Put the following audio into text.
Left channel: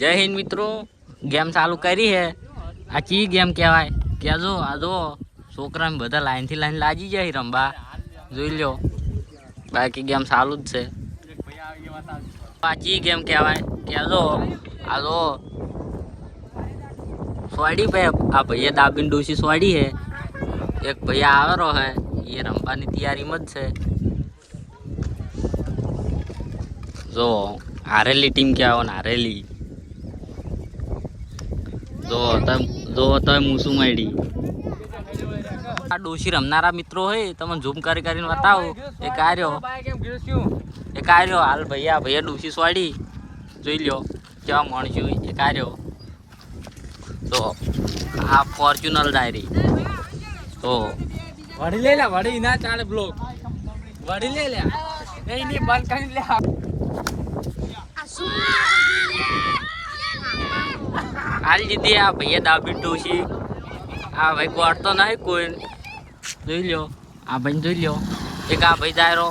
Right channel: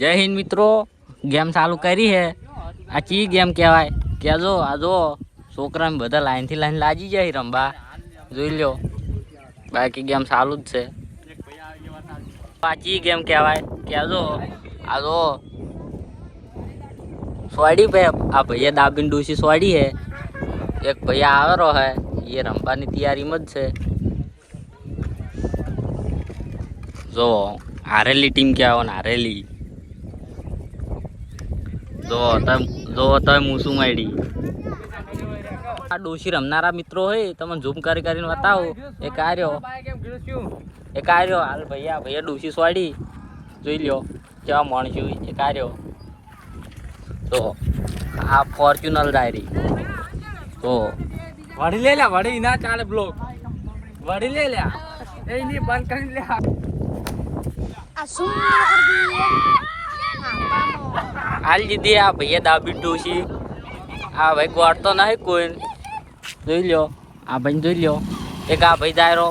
जय हिंद मित्रों, गेम चालू करी है। आ ची गेम कहवाय क्या जो आ जो छोकरा बधा लाइन थी लाइन लाजी जाए रमवा જોઈ લો। बाकी गेम चालू ज छे। आ ची गेम कहवाय क्या जो आ जो स्वाड़ी पे आ भैया दाबीन डूसी स्वाड़ी है। एक भैया आवेरो है, ये रमवानी तैयारी मत छे। जो हारेली टीम क्या हो हारेली जो मूसू माड़ी आ डोशी रमनारा मित्रों है तमने झूम करी करीने बताओ। एक आर्यो हाल भैया भैया डोशी स्वाड़ी જોઈ લ્યો કેવા માણસ્યું એક આર્યો તો આ ફોર્ચ્યુનર ડાયરી તો વડી લે વડી ના ચાલે બ્લોક વડી લે એ ની બંધ કરી લે હાલ દીધી આ ભૈયા દાબી ડોશી આ ભાઈ ગોળતો નહીં કોઈ જોઈ લ્યો આ ભાઈ જોઈ લ્યો એક આ ભાઈ દાયરો